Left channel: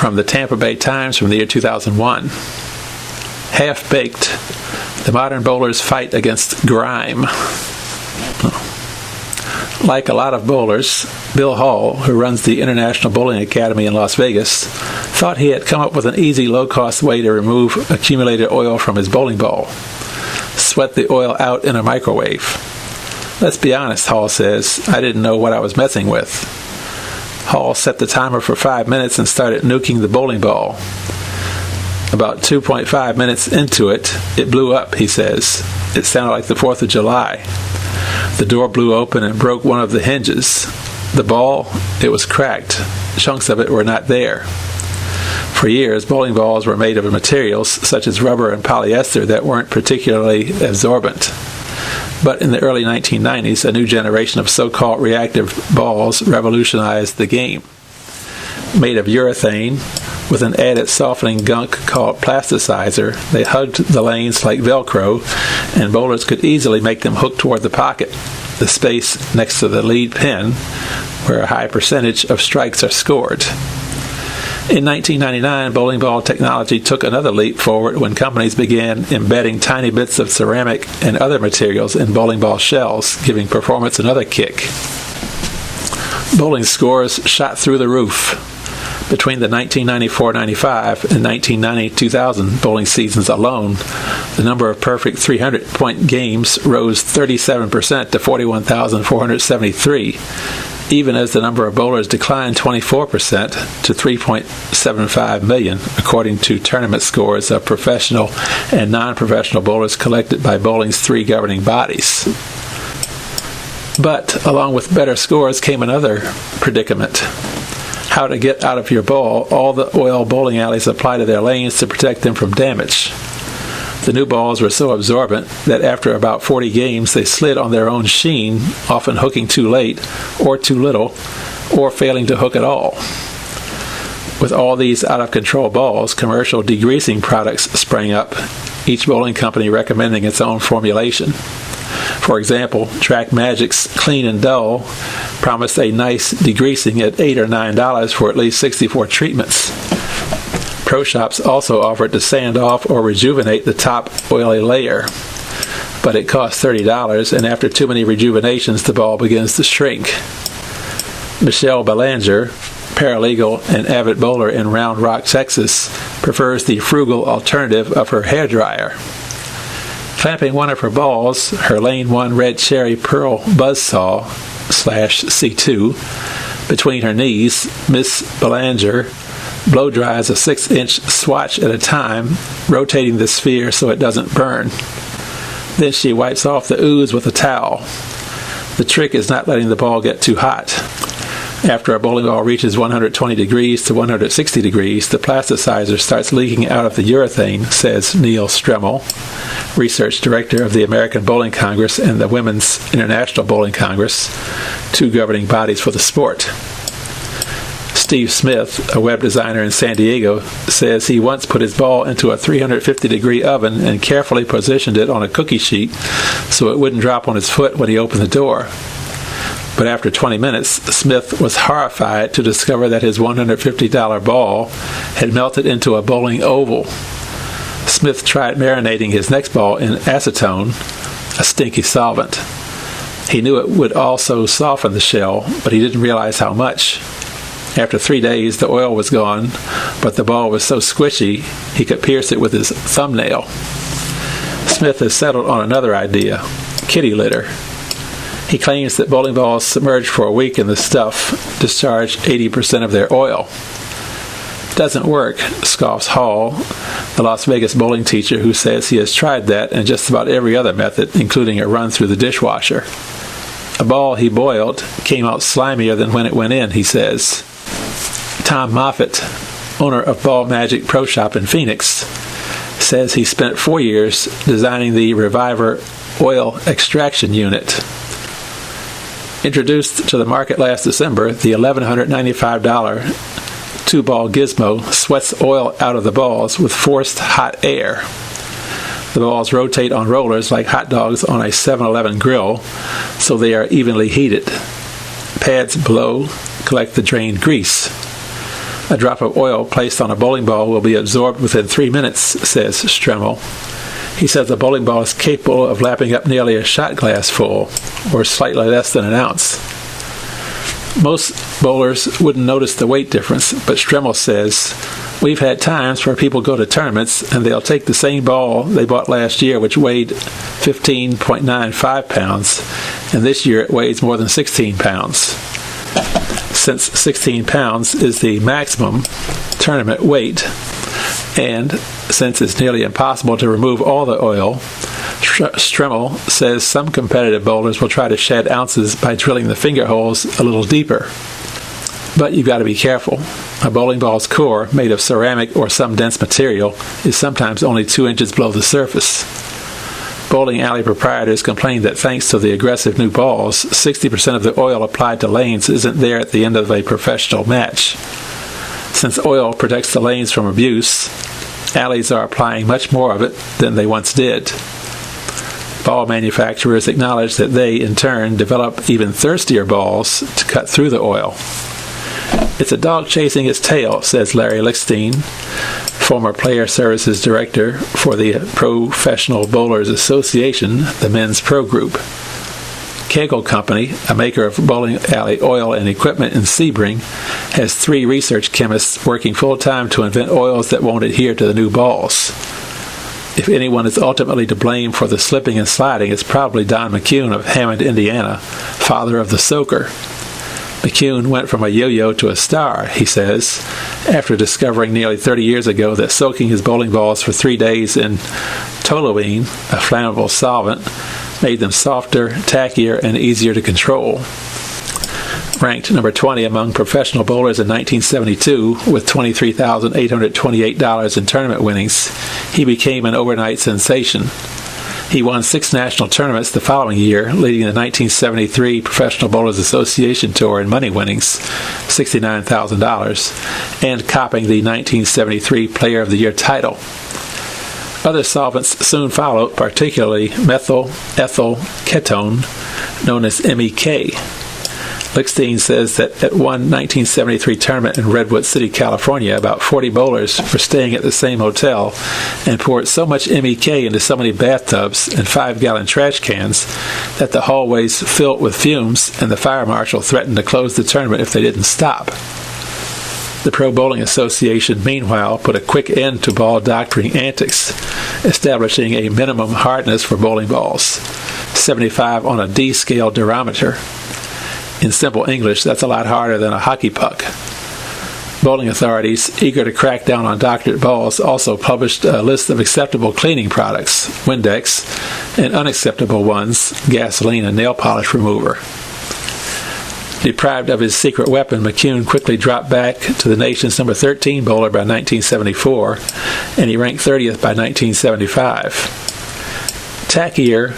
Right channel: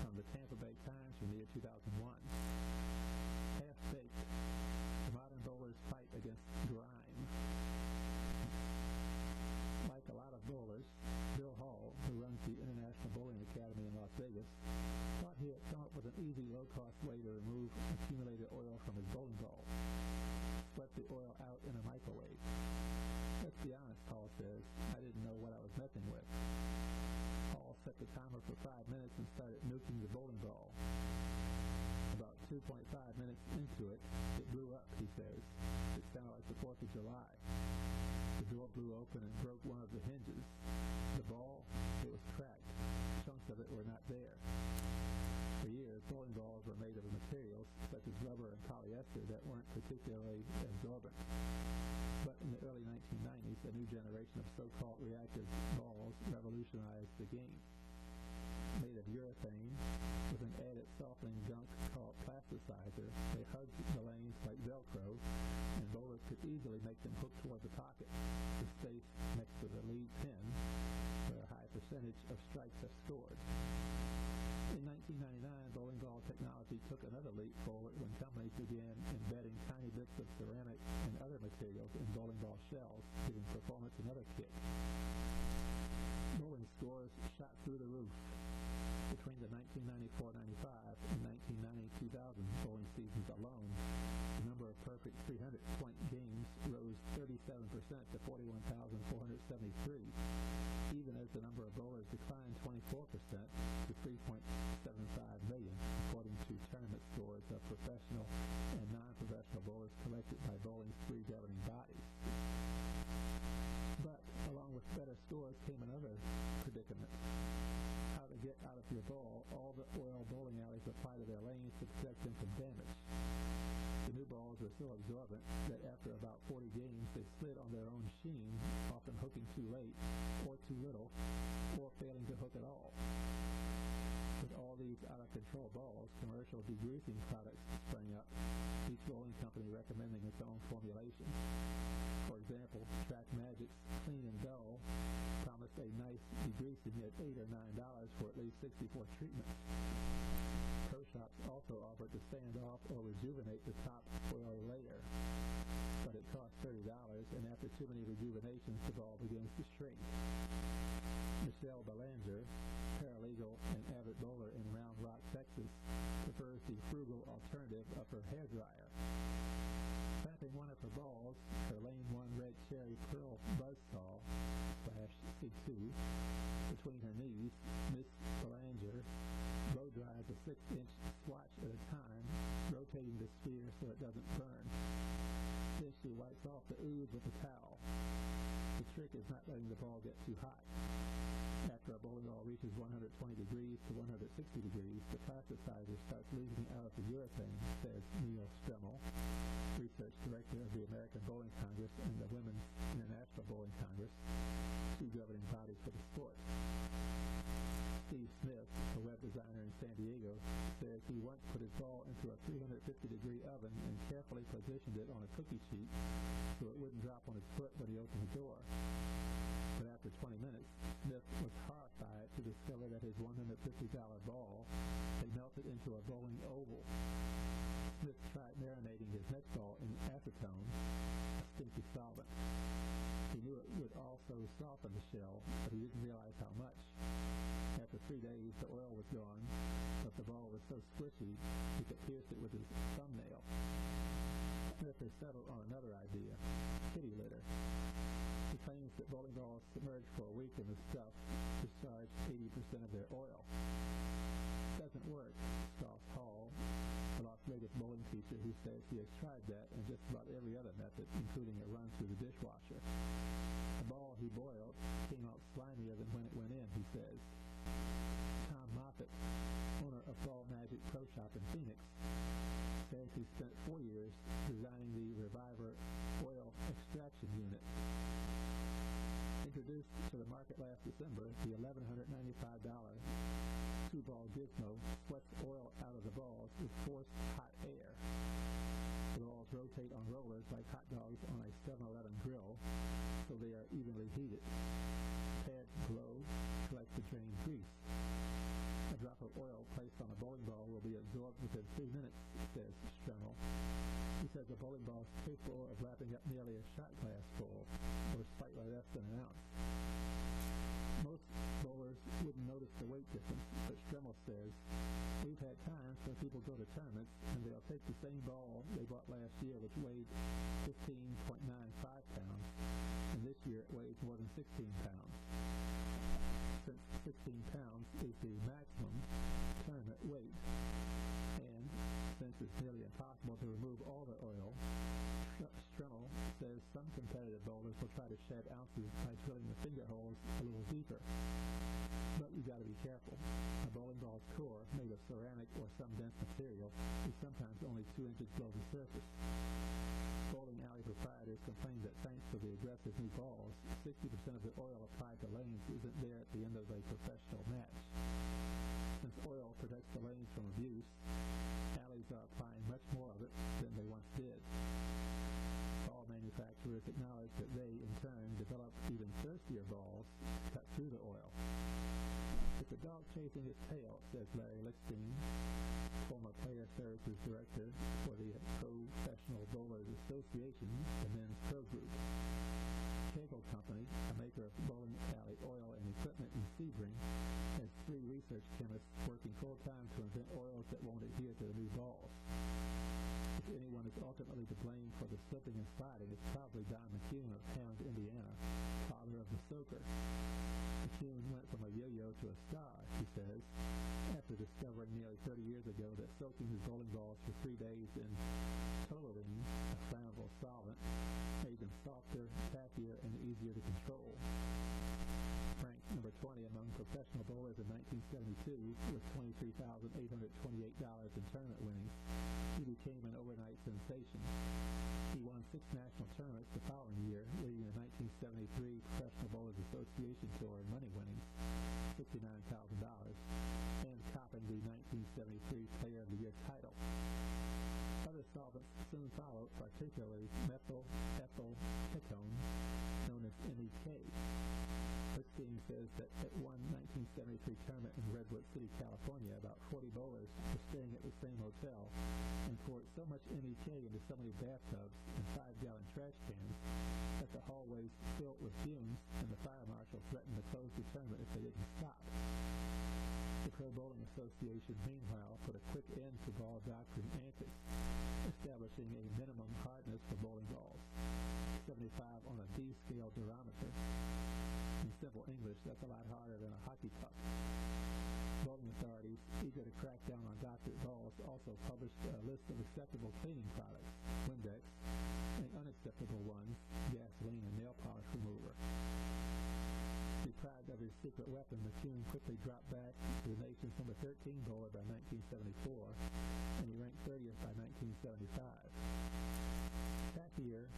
from the Tampa Bay Times from the year 2001. Half-baked, the modern bowler's fight against grime. Like a lot of bowlers, Bill Hall, who runs the International Bowling Academy in Las Vegas, thought he had come up with an easy, low-cost way to remove accumulated oil from his bowling ball. Sweat the oil out in a microwave. Let's be honest, Hall says, I didn't know what I was messing with. Hall set the timer for 5 minutes and started nuking the bowling ball. About 2.5 minutes into it, it blew up, he says. It sounded like the 4th of July. The door blew open and broke one of the hinges. The ball, it was cracked. Chunks of it were not there. For years, bowling balls were made of materials such as rubber and polyester that weren't particularly absorbent. But in the early 1990s, a new generation of so-called reactive balls revolutionized the game. Made of urethane, with an added softening gunk called plasticizer, they hugged the lanes like Velcro, and bowlers could easily make them hook toward the pocket, the space next to the lead pin, where a high percentage of strikes are scored. In 1999, bowling ball technology took another leap forward when companies began embedding tiny bits of ceramic and other materials in bowling ball shells, giving performance another kick. Bowling scores shot through the roof. Between the 1994-95 and 1990-2000 bowling seasons alone, the number of perfect 300-point games rose 37% to 41,473, even as the number of bowlers declined 24% to 3.75 million, according to tournament scores of professional and non-professional bowlers collected by bowling's 3 governing bodies. But along with better scores came another predicament. How to get out of your ball, all the oil bowling alleys apply to their lanes to protect them from damage. The new balls were so absorbent that after about 40 games they slid on their own sheen, often hooking too late, or too little, or failing to hook at all. With all these out-of-control balls, commercial degreasing products sprang up, each bowling company recommending its own formulation. For example, Track Magic's Clean and Dull promised a nice degreasing at $8 or $9 for at least 64 treatments. Pro shops also offered to sand off or rejuvenate the top oily layer, but it cost $30, and after too many rejuvenations, the ball begins to shrink. Michelle Belanger, paralegal and avid bowler in Round Rock, Texas, prefers the frugal alternative of her hairdryer. Clamping one of her balls, her Lane 1 Red Cherry Pearl Buzzsaw /C2, between her knees, Miss Belanger blow dries a 6-inch swatch at a time, rotating the sphere so it doesn't burn. Then she wipes off the ooze with a towel. The trick is not letting the ball get too hot. After a bowling ball reaches 120 degrees to 160 degrees, the plasticizer starts leaking out of the urethane, says Neil Stremmel, research director of the American Bowling Congress and the Women's International Bowling Congress, 2 governing bodies for the sport. Steve Smith, a web designer in San Diego, says he once put his ball into a 350-degree oven and carefully positioned it on a cookie sheet so it wouldn't drop on his foot when he opened the door. But after 20 minutes, Smith was horrified to discover that his $150 ball had melted into a bowling oval. Smith tried marinating his next ball in acetone, a stinky solvent. He knew it would also soften the shell, but he didn't realize how much. After 3 days, the oil was gone, but the ball was so squishy he could pierce it with his thumbnail. Smith has settled on another idea, kitty litter. He claims that bowling balls submerged for a week in the stuff discharge 80% of their oil. Doesn't work, scoffs Hall, the Las Vegas bowling teacher who says he has tried that and just about every other method, including a run through the dishwasher. A ball he boiled came out slimier than when it went in, he says. Tom Moffitt, owner of Ball Magic Pro Shop in Phoenix, says he spent 4 years designing the Reviver oil extraction unit. Introduced to the market last December, the $1,195 2-ball gizmo sweats oil out of the balls with forced hot air. The balls rotate on rollers like hot dogs on a 7-Eleven grill, so they are evenly heated. Pads below collect the drained grease. A drop of oil placed on a bowling ball will be absorbed within 3 minutes, says Stremmel. He says the bowling ball is capable of lapping up nearly a shot glass full, or slightly less than an ounce. Most bowlers wouldn't notice the weight difference, but Stremmel says, "We've had times where people go to tournaments and they'll take the same ball they bought last year, which weighed 15.95 pounds, and this year it weighs more than 16 pounds. Since 16 pounds is the maximum tournament weight, and since it's nearly impossible to remove all the oil, Stremmel says some competitive bowlers will try to shed ounces by drilling the finger holes a little deeper. But you've got to be careful. A bowling ball's core, made of ceramic or some dense material, is sometimes only 2 inches below the surface. Bowling alley proprietors complain that thanks to the aggressive new balls, 60% of the oil applied to lanes isn't there at the end of a professional match. Since oil protects the lanes from abuse, alleys are applying much more of it than they once did. Ball manufacturers acknowledge that they, in turn, develop even thirstier balls to cut through the oil. It's a dog chasing its tail, says Larry Lichstein, former Player Services Director for the Professional Bowlers Association, the men's pro group. Kegel Company, a maker of bowling alley oil and equipment in Sebring, has 3 research chemists working full-time to invent oils that won't adhere to the new balls. If anyone is ultimately to blame for the slipping and sliding, it's probably Don McCune of Hammond, Indiana, father of the soaker. McCune went from a yo-yo to a star, he says, after discovering nearly 30 years ago that soaking his bowling balls for 3 days in toluene, a flammable solvent, made them softer, tackier, and easier to control. Ranked number 20 among professional bowlers in 1972 with $23,828 in tournament winnings, he became an overnight sensation. He won 6 national tournaments the following year, leading the 1973 Professional Bowlers Association Tour in money winnings, $69,000, and copping the 1973 Player of the Year title. Other solvents soon followed, particularly methyl ethyl ketone, known as MEK. Lichstein says that at one 1973 tournament in Redwood City, California, about 40 bowlers were staying at the same hotel and poured so much MEK into so many bathtubs and 5-gallon trash cans that the hallways filled with fumes, and the fire marshal threatened to close the tournament if they didn't stop. The Pro Bowling Association, meanwhile, put a quick end to ball doctoring antics, establishing a minimum hardness for bowling balls, 75 on a D-scale durometer. In simple English, that's a lot harder than a hockey puck. Bowling authorities, eager to crack down on doctored balls, also published a list of acceptable cleaning products, Windex, and unacceptable ones, gasoline and nail polish remover. Deprived of his secret weapon, McCune quickly dropped back to the nation's number 13 bowler by 1974, and he ranked 30th by 1975. Tackier,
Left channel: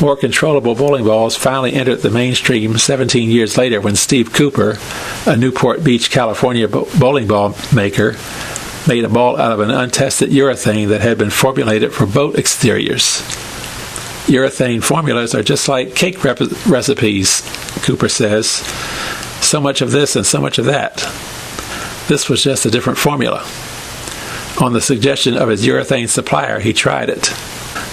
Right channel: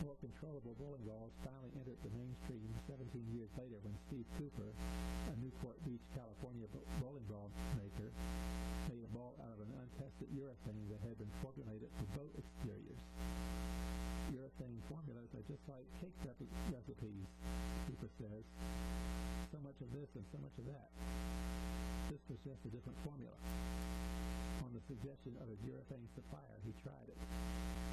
more controllable bowling balls finally entered the mainstream 17 years later when Steve Cooper, a Newport Beach, California bowling ball maker, made a ball out of an untested urethane that had been formulated for boat exteriors. Urethane formulas are just like cake recipes, Cooper says. So much of this and so much of that. This was just a different formula. On the suggestion of his urethane supplier, he tried it.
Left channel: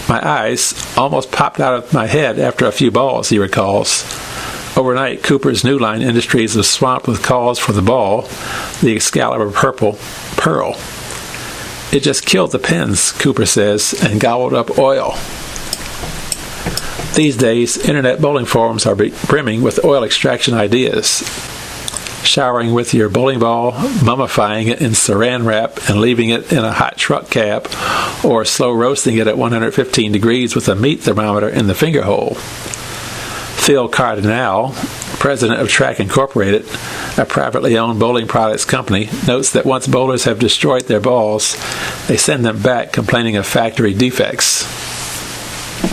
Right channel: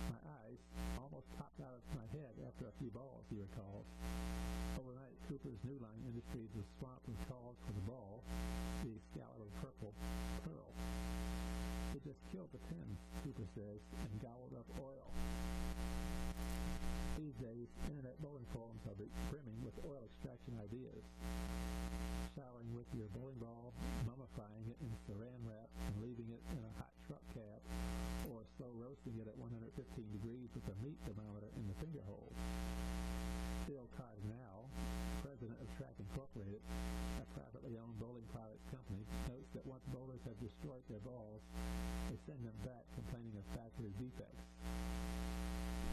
My eyes almost popped out of my head after a few balls, he recalls. Overnight, Cooper's New Line Industries was swamped with calls for the ball, the Excalibur Purple Pearl. It just killed the pins, Cooper says, and gobbled up oil. These days, internet bowling forums are brimming with oil extraction ideas. Showering with your bowling ball, mummifying it in saran wrap and leaving it in a hot truck cab, or slow roasting it at 115 degrees with a meat thermometer in the finger hole. Phil Cardinal, president of Track Incorporated, a privately owned bowling products company, notes that once bowlers have destroyed their balls, they send them back complaining of factory defects.